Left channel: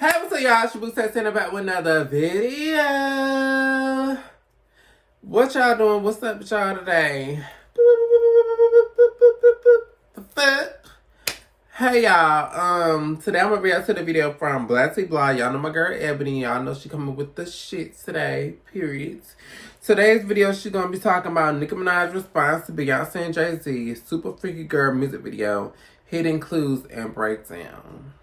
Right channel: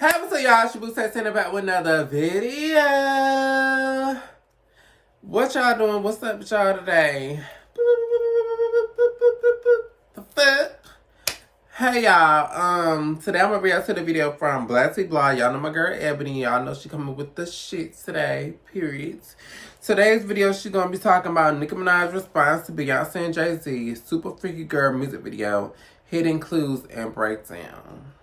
Hey, what's up, y'all? Shabu sitting back with another video. What y'all doing? What's up with y'all today? The fuck? Hey, y'all. Today I'm gonna react to the video from BlackTeaBlog. Y'all know my girl Ebony. Y'all know she coming with the shit today. Period. Today's video, she's gonna be talking about Nicki Minaj's response to Beyonce and Jay-Z's Super Freaky Girl music video, hidden clues and breakdown.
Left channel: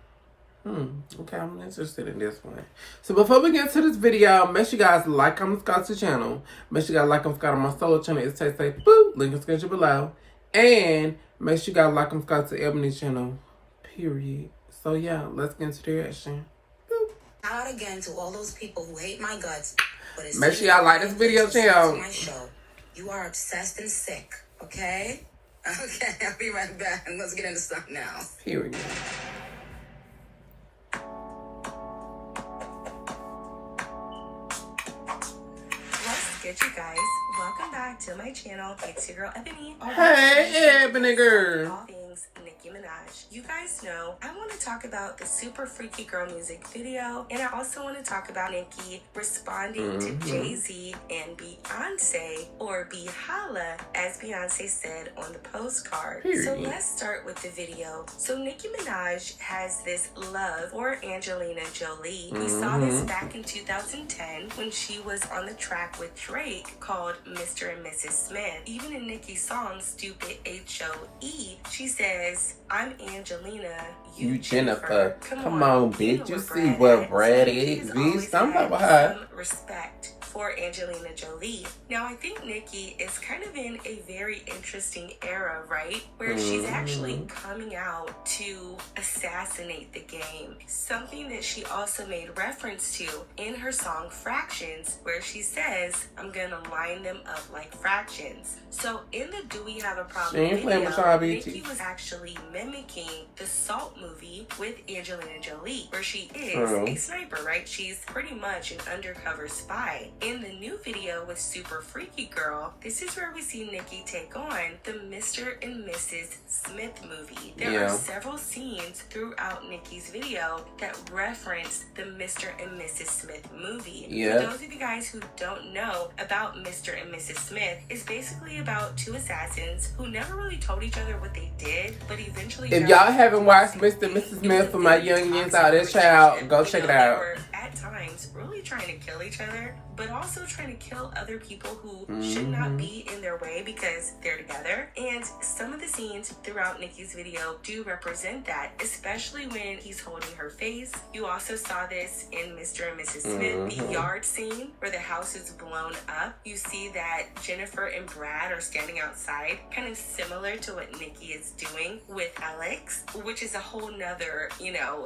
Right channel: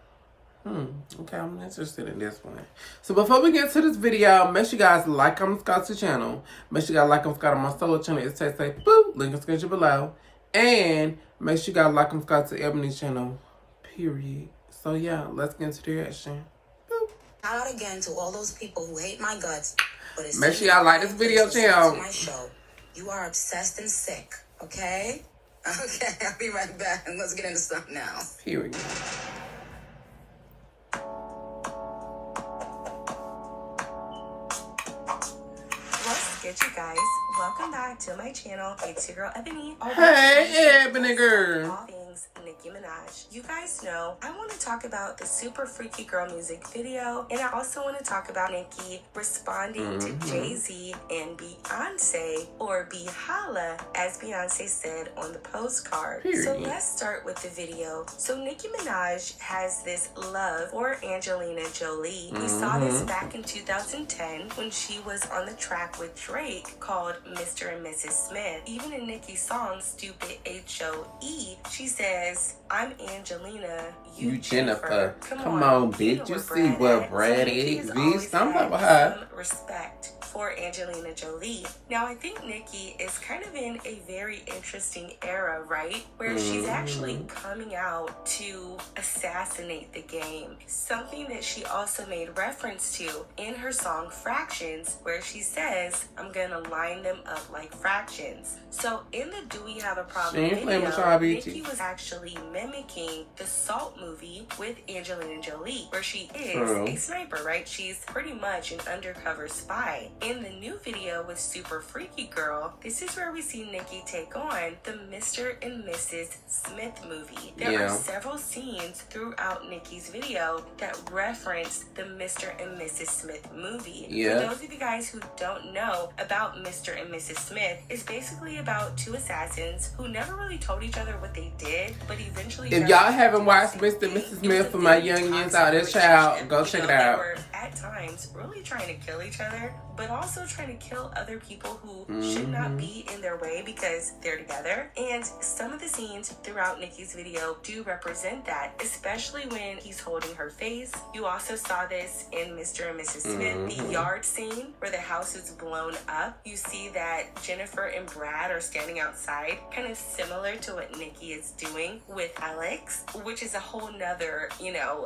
Okay, I'm interested in this one. So before we get to this video, make sure you guys like, comment, subscribe to the channel. Make sure you guys like, comment, subscribe to my solo channel. It's say boop, link in the description below. And make sure you guys like, comment, subscribe to Ebony's channel. Period. So yeah, let's get into the reaction. Shout out again to all those people who hate my guts. But Make sure y'all like this video, channel. My show. You are obsessed and sick, okay? Okay, I'll be right back. Let's get into stuff now. Period. Good, you guys. Welcome back to my channel. It's your girl Ebony. Hey, Ebony girl. All things Nicki Minaj. You guys know I want to talk about the Super Freaky Girl music video, and I also want to talk about Nicki responding to Jay-Z and Beyonce, or Be-Holla, as Beyonce said on the postcard. Period. So let's start with the video. So Nicki Minaj has this love for Angelina Jolie. We saw this back in 2010 when she was on the track with Drake called Mr. and Mrs. Smith. Even in Nicki's song Stupid H-O-E, she says, I'm Angelina, you Jennifer. Come on, bitch. You see what Brad is, bitch. I'm talking about her. Some respect for Angelina Jolie. Now, I think Nicki is kind of in a very interesting era, right? Where she's actually coming out to assassinate the game. Something that she also made reference to in her song Fractions, where she says, I'm gonna line them up like fractions. So in the Do We Have a Problem video, Nicki was actually mimicking the Salt movie with Angelina Jolie, where she is a sniper, right? She's pretty much an undercover spy. In the new video with Super Freaky Girl, this is where we see Nicki take on the Mr. and Mrs. Smith movie. There are several scenes throughout Nicki's video that reference the Mr. and Mrs. Smith movie. For those of you guys who don't know about Mr. and Mrs. Smith, it's basically about two assassins who never really told each other what they did, but eventually... If y'all haven't watched Mr. and Mrs. Smith for my youngins out there, child, go check it out. At times, really trying to kill each other, but also trying to kill other people who should not be in their way because they're together. And some of the scenes throughout Nicki's video do represent that, especially when he's holding her face. You also saw this in Mr. and Mrs. Smith, the yard scene where the house is blown up. You see that Jennifer and Brad are standing outside, kind of similar to what Nicki is doing with Alex, which is a whole nother,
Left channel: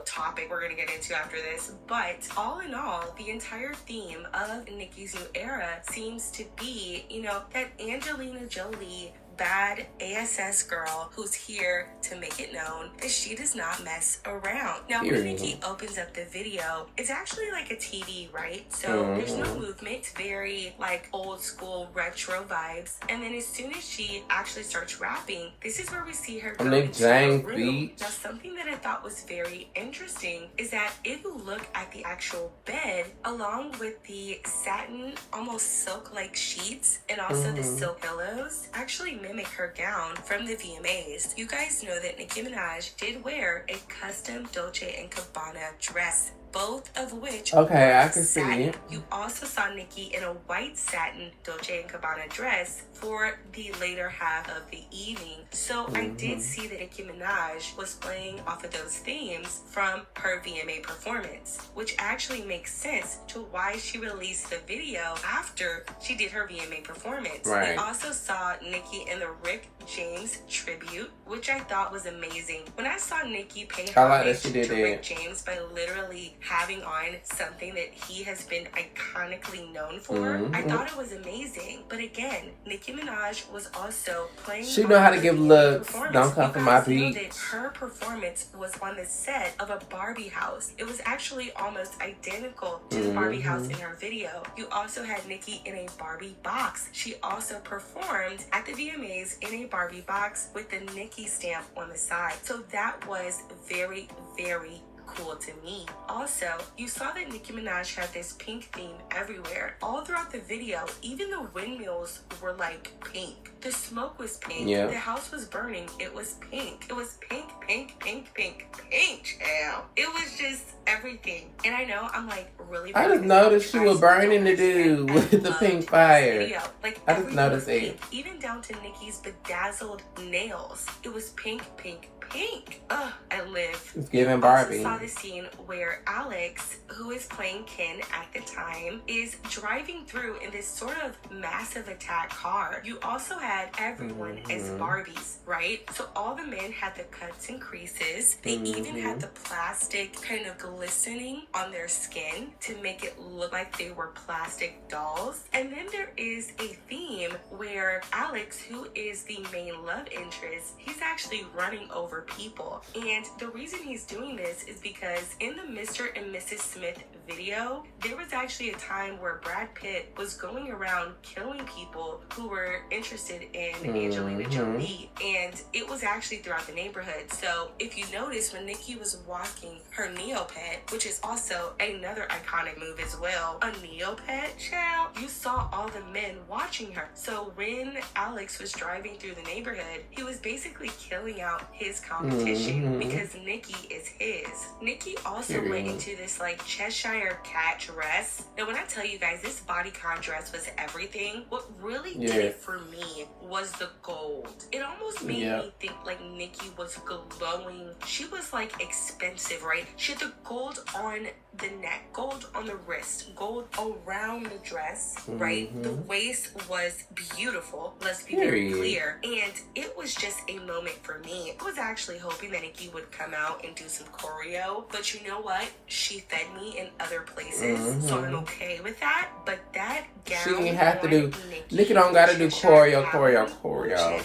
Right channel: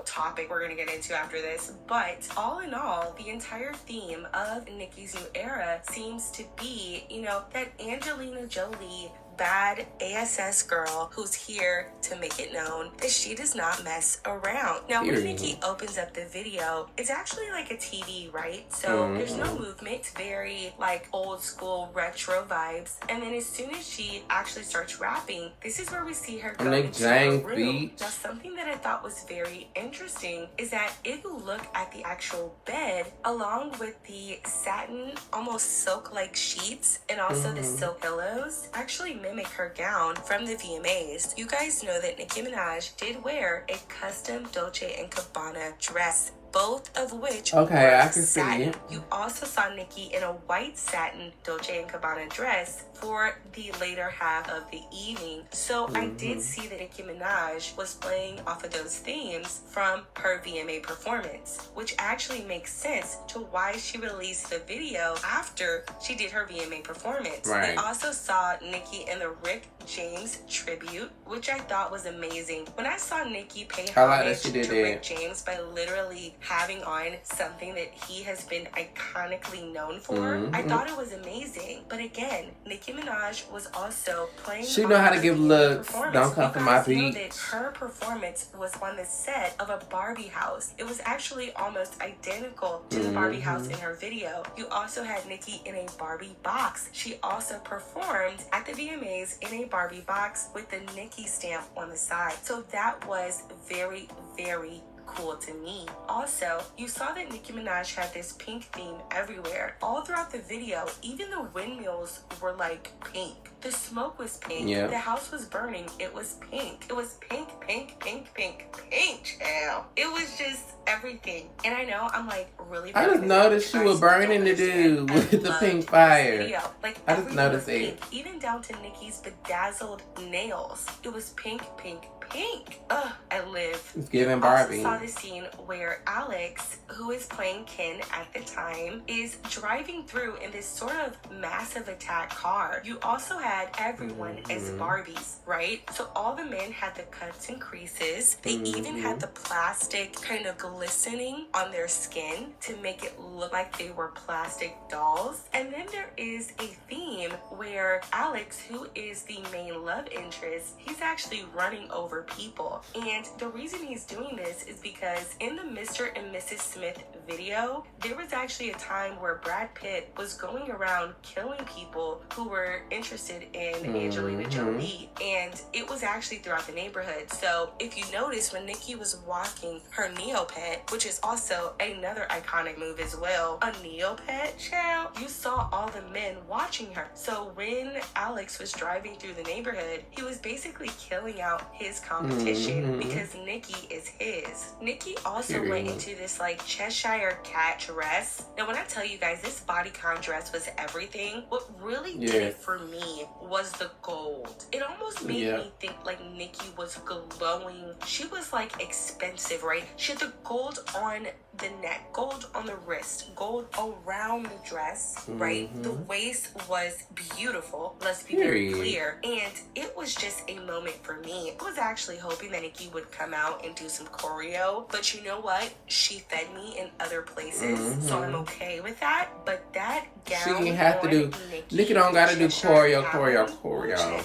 topic we're gonna get into after this. But all in all, the entire theme of Nicki's new era seems to be, that Angelina Jolie, bad ASS girl who's here to make it known that she does not mess around. Now, when Nicki opens up the video, it's actually like a TV, right? So there's no movement. It's very like old school retro vibes. And then as soon as she actually starts rapping, this is where we see her go into a room. Now, something that I thought was very interesting is that if you look at the actual bed, along with the satin, almost silk-like sheets, and also the silk pillows, actually mimic her gown from the VMAs. You guys know that Nicki Minaj did wear a custom Dolce & Gabbana dress, both of which I can see it. You also saw Nicki in a white satin Dolce & Gabbana dress for the later half of the evening. So I did see that Nicki Minaj was playing off of those themes from her VMA performance, which actually makes sense to why she released the video after she did her VMA performance. We also saw Nicki in the Rick James tribute, which I thought was amazing. When I saw Nicki pay homage to Rick James by literally having on something that he has been iconically known for, I thought it was amazing. But again, Nicki Minaj was also playing. She know how to give looks. Don't come from my beat. Her performance was on the set of a Barbie house. It was actually almost identical to the Barbie house in her video. You also had Nicki in a Barbie box. She also performed at the VMAs in a Barbie box with the Nicki stamp on the side. So that was very, very cool to me. Also, you saw that Nicki Minaj had this pink theme everywhere. All throughout the video, even the windmills were like pink. The smoke was pink. Yeah. The house was burning. It was pink. It was pink, pink, pink, pink, pink, child. It was just everything. And I know I'm like really. I just noticed you were burning the dude with the pink fire. Like, I just noticed it. Even down to Nicki's bedazzled nails. It was pink, pink, pink. Ugh, I live. It's giving Barbie. I also saw the scene where Alex, who is playing Ken at the time, is driving through in this sort of massive attack car. You also had everyone as Barbies, right? So all the men had the cuts and creases. They even had the plastic kind of glistening on their skin to make it look like they were plastic dolls. And then there is a theme where Alex, who is the main love interest, he's actually running over people. And the reason he's doing this is because in the Mr. and Mrs. Smith video, there was actually a time where Brad Pitt was going around killing people who were interested in Angelina Jolie, and it was actually throughout the neighborhood. So if you notice, when Nicki was walking her Neopet, which is also another iconic move as well, a Neopet, child, you saw all the men watching her. So when Alex was driving through the neighborhood, he was basically killing out his competition because Nicki is his. Nicki also went into this like Cheshire cat dress. Now when I tell you guys, this bodycon dress was everything. What really did it for me was the gold. It almost made me think like Nicki was glowing. She was like expensive, right? She had the gold on the neck, gold on the wrist, gold around the dress, right? The waist was beautiful, let's be very clear. And it was just a moment for me. I was actually hoping that Nicki would come out and do some choreo, but you know what? She fed me in other places, so I'm okay with that. But that gown, she ain't have to do. Nicki don't gotta do choreo.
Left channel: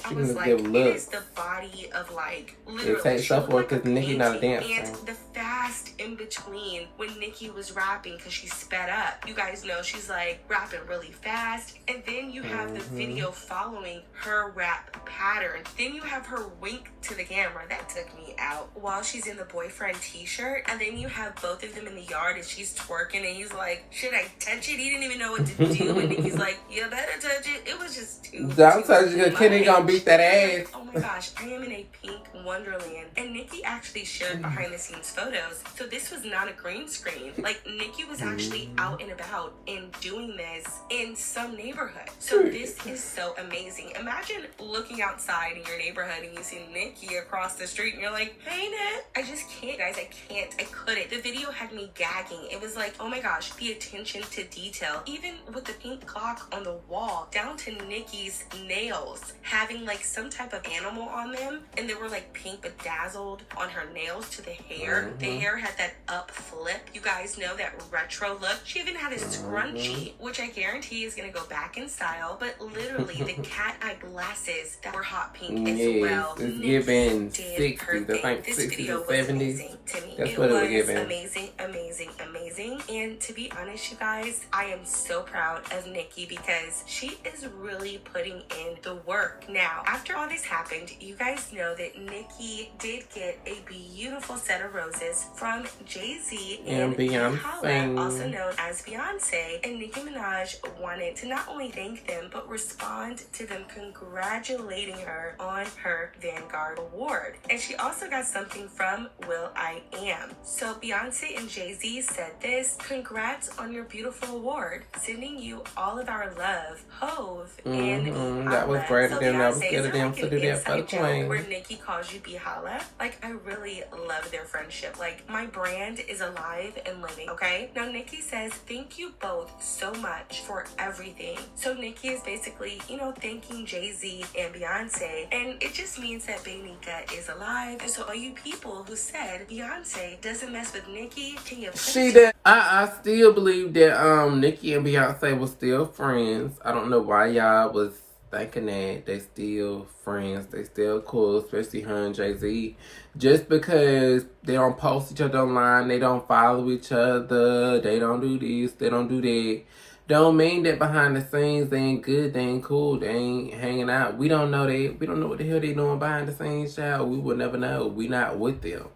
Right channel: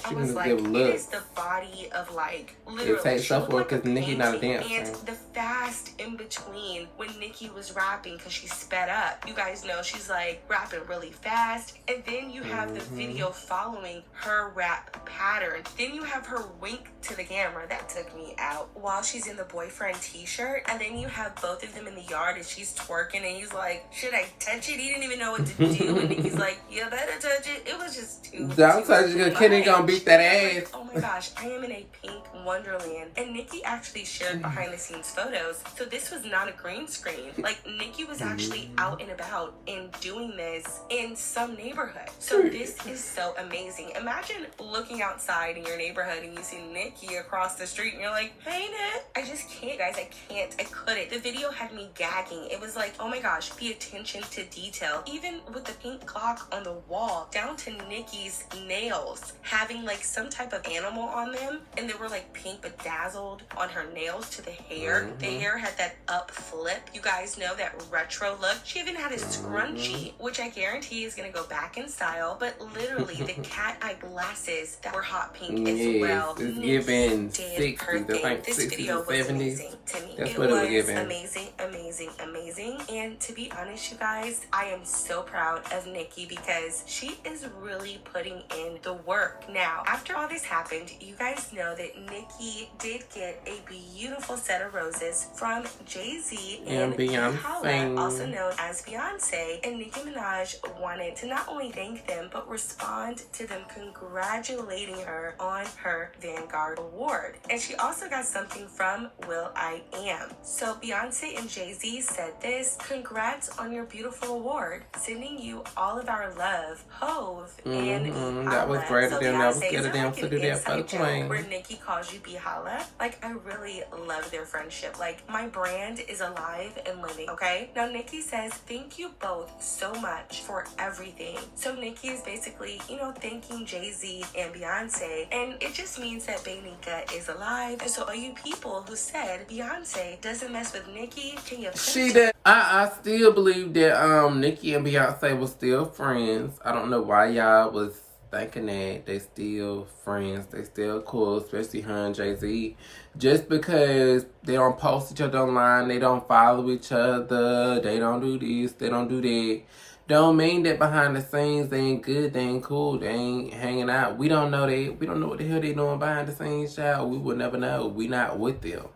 She can just give looks. The body of like it takes stuff for because Nicki not a dancer. And the fast in between when Nicki was rapping, because she sped up. You guys know she's like rapping really fast, and then you have the video following her rap pattern. Then you have her wink to the camera. That took me out while she's in the boyfriend t-shirt, and then you have both of them in the yard and she's twerking and he's like, should I touch it? He didn't even know what to do, and Nicki's like, you better touch it. It was just too don't touch it, Ken ain't gonna beat that ass. Oh my gosh, I am in a pink wonderland. And Nicki actually shared behind the scenes photos, so this was not a green screen. Like, Nicki was actually out and about and doing this in some neighborhood. So this is so amazing. Imagine looking outside in your neighborhood and you see Nicki across the street and you're like, hey Nick. I just can't, guys. I couldn't. The video had me gagging. It was like, oh my gosh, the attention to detail. Even with the pink clock on the wall, down to Nicki's nails having like some type of animal on them, and they were like pink bedazzled on her nails to the hair. The hair had that up flip. You guys know that retro look. She even had a scrunchie, which I guarantee is gonna go back in style, but literally the cat eye glasses that were hot pink as well. It's giving 60s. That's like 60s or 70s. That's what it was giving. Amazing, amazing, amazing. And to be honest, you guys, I am so proud of Nicki because she is really putting in the work. Now, after all this happened, you guys know that Nicki did get a beautiful set of roses from Jay-Z and Beyonce, also known as Beyonce. And Nicki Minaj wanted to not only thank them, but respond to them congratulating her on her Vanguard Award. And she also got something from will.i.am. So Beyonce and Jay-Z said this: congrats on your beautiful award. Sending you all of our love. Hove and that was great of them. That was good of them to do that for the queen. Where Nicki calls you Bihala. Like, I really love their friendship. Like, my brand is alive and living, okay? Now, Nicki says, thank you both so much for everything. So Nicki is basically, you know, thanking Jay-Z and Beyonce. And it just means that Beyonce is alive. And so all you people who said Beyonce doesn't mess with Nicki, can you she did. I still believe that Nicki and Beyonce were still friends. I don't know why y'all was thinking that. They still friends. They still cool, especially her and Jay-Z. Just because they don't post each other online, they don't follow each other, they don't do this, they don't do that, don't mean that behind the scenes they ain't good, they ain't cool, they ain't hanging out. We don't know that. We don't know what the hell they doing behind the scenes, child. We will never know. We not with them.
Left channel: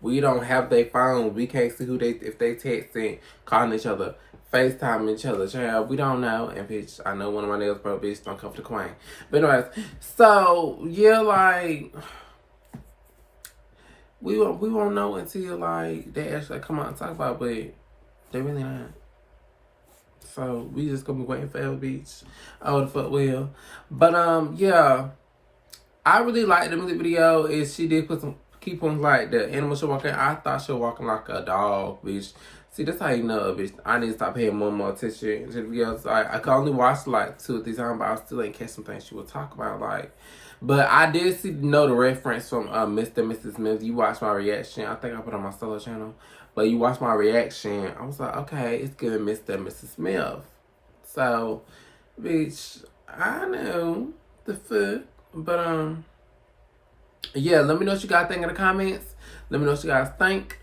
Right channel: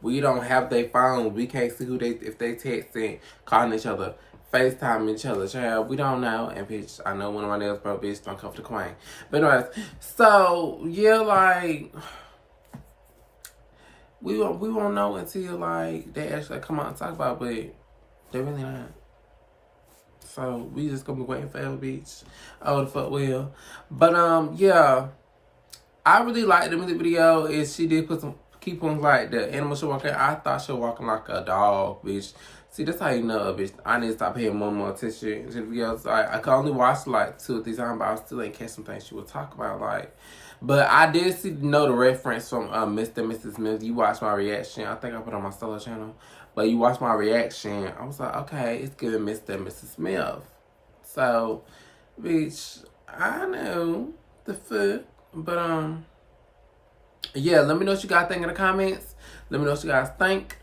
We don't have their phone. We can't see who if they texting, calling each other, FaceTime each other. Child, we don't know. And bitch, I know one of my nails broke, bitch. Don't come for the queen. But anyways, so yeah, like we won't know until like they actually come out and talk about it, but they really not. So we just gonna be waiting forever, bitch. Oh, the fuck will. But yeah, I really liked the music video. Is she did put some keep on like the animal show walking. I thought she was walking like a dog, bitch. See, that's how you know, bitch. I need to stop paying more attention to the videos. I could only watch like 2 or 3 times, but I still ain't catch some things she was talking about. Like, but I did know the reference from Mr. and Mrs. Smith. You watched my reaction. I think I put it on my solo channel. But you watched my reaction. I was like, okay, it's giving Mr. and Mrs. Smith. So, bitch, I know the fuck. But yeah, let me know what you guys think in the comments. Let me know what you guys think.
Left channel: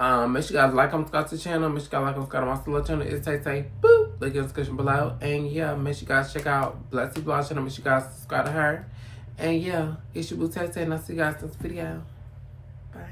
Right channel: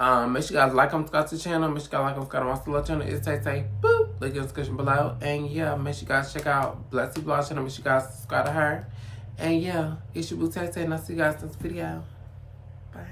Make sure you guys like, comment, subscribe to the channel. Make sure you guys like, subscribe to my solo channel. It's Tay. Boop. Link in the description below. And yeah, make sure you guys check out BlackTeaBlog channel. Make sure you guys subscribe to her. And yeah, it's your boo Tay, and I'll see you guys in this video. Bye.